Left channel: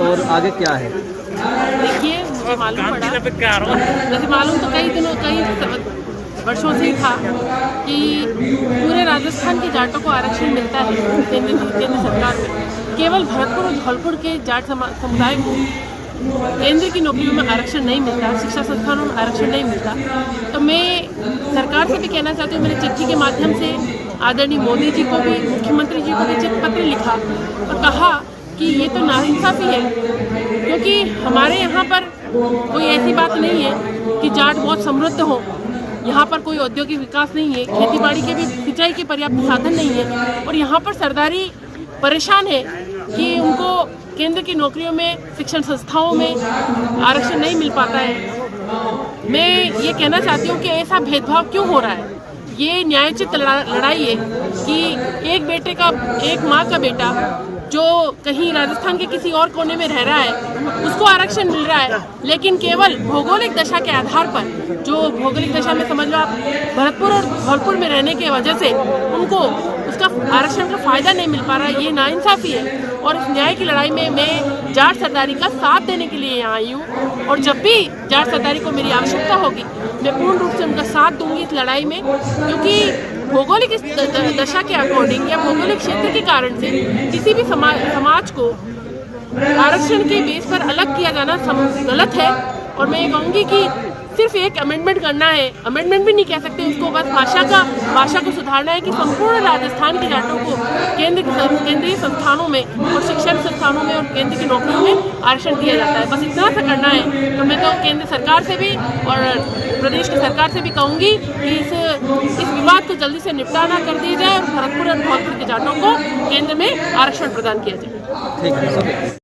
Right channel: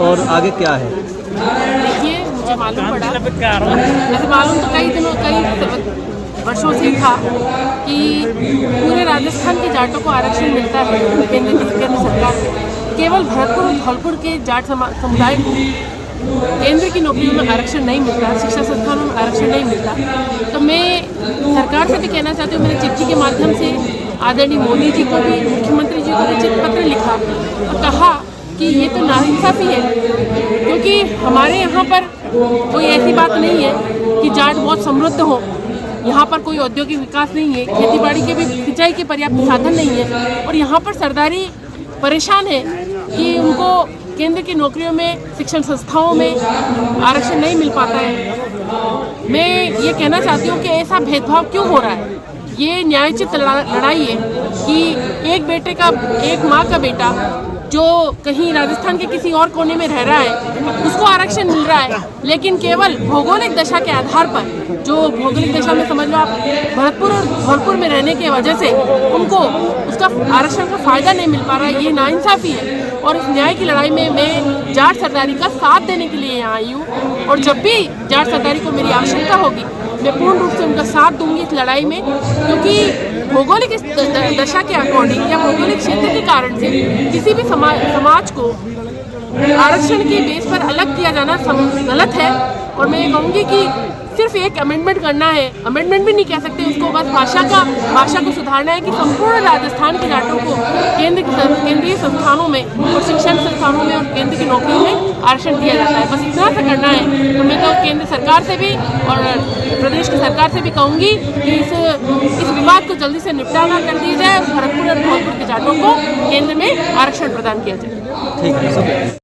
और आगे क्या है? देखिए, मुझे मालूम पड़ा, वैसे मालूम तो कई वर्षों से ही था कि पूरे राजस्थान के जाटों को आरक्षण मिलता है केंद्र सरकार को। केवल भरतपुर और धौलपुर के जाट समुदाय को केंद्र की नौकरियों में आरक्षण नहीं मिलता, शिक्षा संस्थानों में आरक्षण नहीं मिलता। तो मैं सरकार से भी कहना चाहती हूँ, मैंने चिट्ठी के माध्यम से आदरणीय मोदी जी को भी, मुख्यमंत्री जी को भी पत्र लिखा और कहा कि ये तो नाइंसाफ़ी है, क्योंकि हमारे यहाँ पर कोई ऐसी बात नहीं है कि जाट बहुत समृद्ध हो। यहाँ पर कोई औद्योगिक विकास नहीं है, खेतीबाड़ी के भी सिंचाई के पर्याप्त साधन नहीं है, और यहाँ पर सरदारी परेशान है कि उनको केंद्र की नौकरियों में, शिक्षण संस्थाओं में आरक्षण नहीं मिल पाता है। मैं ये कहना चाहती हूँ कि ऐसा भेदभाव क्यों हो रहा है। ये न्यायोचित लड़ाई है कि एक माँ का बेटा जो कहीं राजस्थान के किसी और कोने में रह रहा है उसको आरक्षण मिल रहा है, लेकिन केवल भौगोलिक दशा के आधार पर, जो भौगोलिक दशा में समझ लो आप भरतपुर और धौलपुर में रहने की वजह से उनको उसका आरक्षण का फायदा नहीं मिल पा रहा है। ये नाइंसाफ़ी है और इस न्याय की लड़ाई में मैं जाट सरदारी का साथ देने के लिए यहाँ आई हूँ, और जब भी जाट सरदारी को मेरी आवश्यकता होगी मैं पूर्ण रूप से उनका साथ दूंगी इस लड़ाई में, क्योंकि भौगोलिक दशा के अकॉर्डिंग या भौगोलिक क्षेत्र के कारण से किसी भी समाज को आरक्षण के बेस पर अलग किया जाना गलत है। और मैं कहूँगी कि सिर्फ एक अमेंडमेंट करना है, अमेंडमेंट भी नहीं कह सकते इसको, बस भाषा को सुधारना है कि संपूर्ण राजस्थान के जाटों को केंद्रीय संस्थानों में और शिक्षण संस्थानों में और केंद्र की नौकरियों में आरक्षण दिया जाता है। बस इतना सा करना है। तो मैं तो केंद्र सरकार से भी और प्रदेश की सरकार से भी कहूँगी कि इस विवाद को जल्दी से निपटारा कर दिया जाए और भरतपुर और धौलपुर के जाटों को केंद्र में आरक्षण प्रदान किया जाए। ठीक है।